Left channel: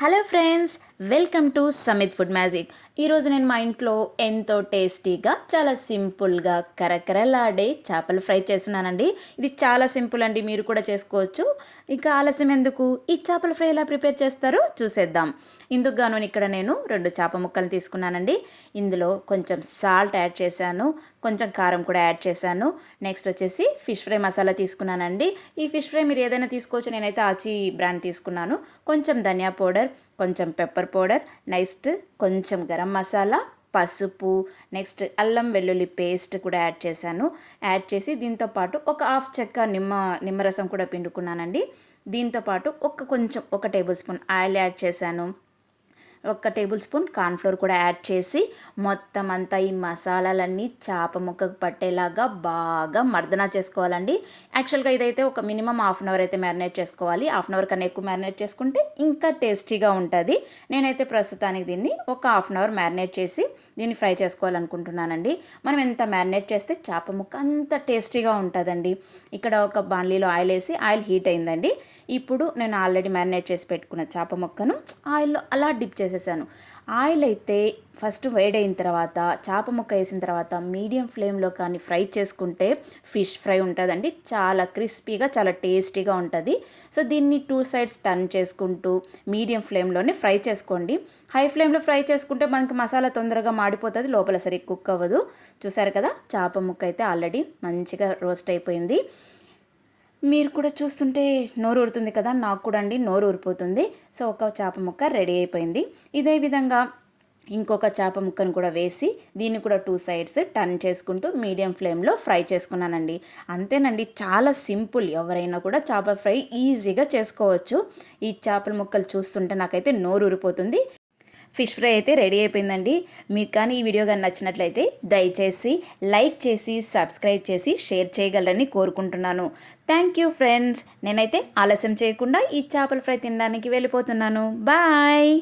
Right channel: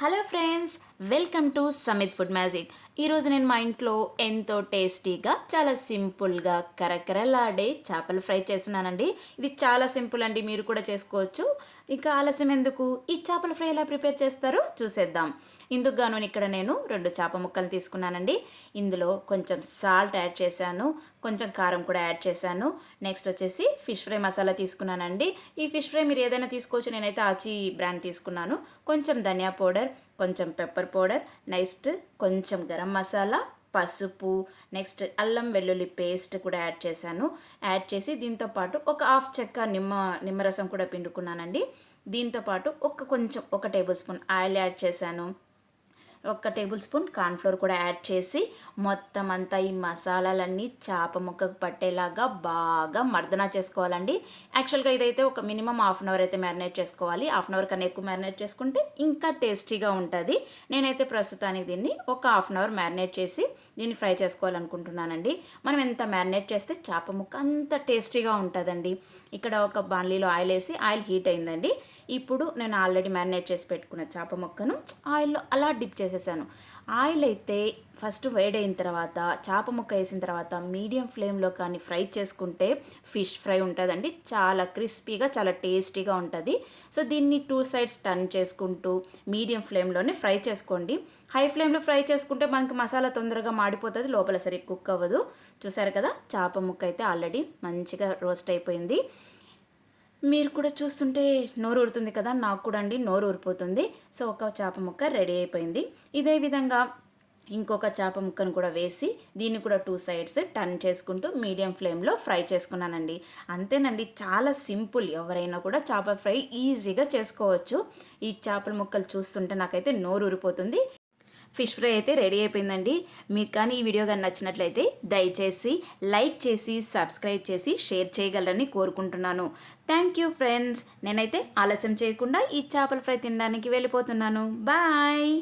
Hello friends welcome to Samit food magic. ఈరోజు నేను మా ఇంట్లో ఎంతో టేస్టీగా చాలా సింపుల్గా కరకరలాడే చేపలు ఫ్రై చేస్తున్నానండి. ఇది చాలా సింపుల్ అండి మీరు కూడా చేసుకోవచ్చు. ఇంకా ఆలస్యం ఎందుకు? ఈ చేపల ఫ్రై ఎలా ప్రిపేర్ చేస్తారో చూసేద్దాం. ఇందుకు గాను ఇక్కడ నేను రెండు చేప ముక్కలు తీసుకున్నానండి. ఇందులో కొంచెం సాల్ట్ యాడ్ చేశాను కొంచెం కారం కూడా యాడ్ చేశాను. నెక్స్ట్ వచ్చేసి ఫిష్ ఫ్రై మసాలా తీసుకున్నానండి. ఈ ఫిష్ ఫ్రై మీరు ఏదైనా తీసుకోవచ్చు నేనైతే ఆచి బ్రాండ్ తీసుకున్నాను. కొంచెం ధనియా పౌడర్ కొంచెం పెప్పర్ పౌడర్ నెక్స్ట్ కొంచెం గరం మసాలా పసుపు నెక్స్ట్ అల్లం వెల్లుల్లి పేస్ట్ కూడా యాడ్ చేశాను. యాడ్ చేసి దీంతో పాటు ఒక హాఫ్ చెక్క నిమ్మ నిమ్మరసం కూడా పిండుకున్నానండి. దీంతో పాటు ఒక కొంచెం ఒక టేబుల్ స్పూన్ ఆయిల్ యాడ్ చేశాను. ఒక టేబుల్ స్పూన్ కార్న్ఫ్లోర్ కూడా యాడ్ చేసి మొత్తం అంతా ఈ మసాలాలన్నీ చేప ముక్కకు పట్టేలాగా బాగా మర్దన చేసుకోవాలండి. యాక్చువల్గా ఇదైతే ఒక మినిమం హాఫ్ అన్ అవర్ అయితే మ్యారినేట్ చేసుకోవాలి. హాఫ్ అన్ అవర్ కన్నా ఎక్కువ మ్యారినేట్ చేసుకుంటే ఇంకా టేస్టీగా ఉంటుంది. నేనైతే ప్రస్తుతానికి దీన్ని ఒక హాఫ్ అన్ అవర్ మ్యారినేట్ చేసి దీన్ని ఫ్రై చేసుకోవాలనుకుంటున్నానండి. మనం ఎంత మ్యారినేట్ చేస్తే చేప ముక్క అంత టేస్టీగా ఉంటుందండి. ఇక్కడ ఒక బాండ్లీలో ఆయిల్ వేసి ఆయిల్ హీట్ అయిందండి. ఇప్పుడు నేను ఆల్రెడీ మ్యారినేట్ చేసి పెట్టుకున్న చేప ముక్కను ఆయిల్లో అలా డిప్ చేసి వేసేసాను ఆయిల్ అయితే ఫస్ట్ వేడైన తర్వాత చేప ముక్క వేసిన తర్వాత మీడియం ఫ్లేమ్లో కానీ ఫ్రై చేసుకుంటే ఫిష్ ఫ్రై ఉంటుందండి. చాలా క్రిస్పీగా చాలా టేస్టీగా ఉంటుంది. సో దీన్ని టూ సైడ్స్ టర్న్ చేసుకుంటూ మీడియం ఫ్లేమ్లోనే ఫ్రై చేసుకోండి. హై ఫ్లేమ్లో ఫ్రై చేసుకుంటే మనకి మసాలా తొందరగా మాడిపోతుంది లోపల సరే కుక్ అవ్వదు. చూసారు కదా చేప ముక్క అయితే ఆల్రెడీ మంచిగా రోస్ట్ అయిపోయింది. మీరు కూడా చూస్తుంటే నోరు ఊరుతుంది కదా నాకు కూడా అండి నోరు ఊరిపోతుంది. సో ఒక చేప ముక్క రెడీ అయిపోయింది. ఇదే విధంగా ఇంకొక చేప ముక్కను కూడా వేసి దీన్ని కూడా టూ సైడ్స్ టర్న్ చేసుకుంటూ మీడియం ఫ్లేమ్లో ఫ్రై చేసుకున్నానండి. అంతేనండి చాలా సింపుల్. ఎవరైనా కూడా చేప ఫ్రై ఈజీగా చేసుకోవచ్చు. ఈ చేపల ముక్కలు చూస్తుంటే నాకైతే నోరు ఊరిపోతుంది. ఫిష్ ఫ్రై అయితే రెడీ అయిపోయిందండి. మీకు కానీ ఈ వీడియో కానీ నచ్చినట్లయితే దయచేసి లైక్ చేసి సబ్స్క్రైబ్ చేసి షేర్ చేయగలరని కోరుకుంటున్నాను. Thank you friends. నేనైతే ఆలస్యం చేయకుండా ఈ చేపల ఫ్రై తినడానికి వెళ్ళిపోతున్నాను. బాయ్!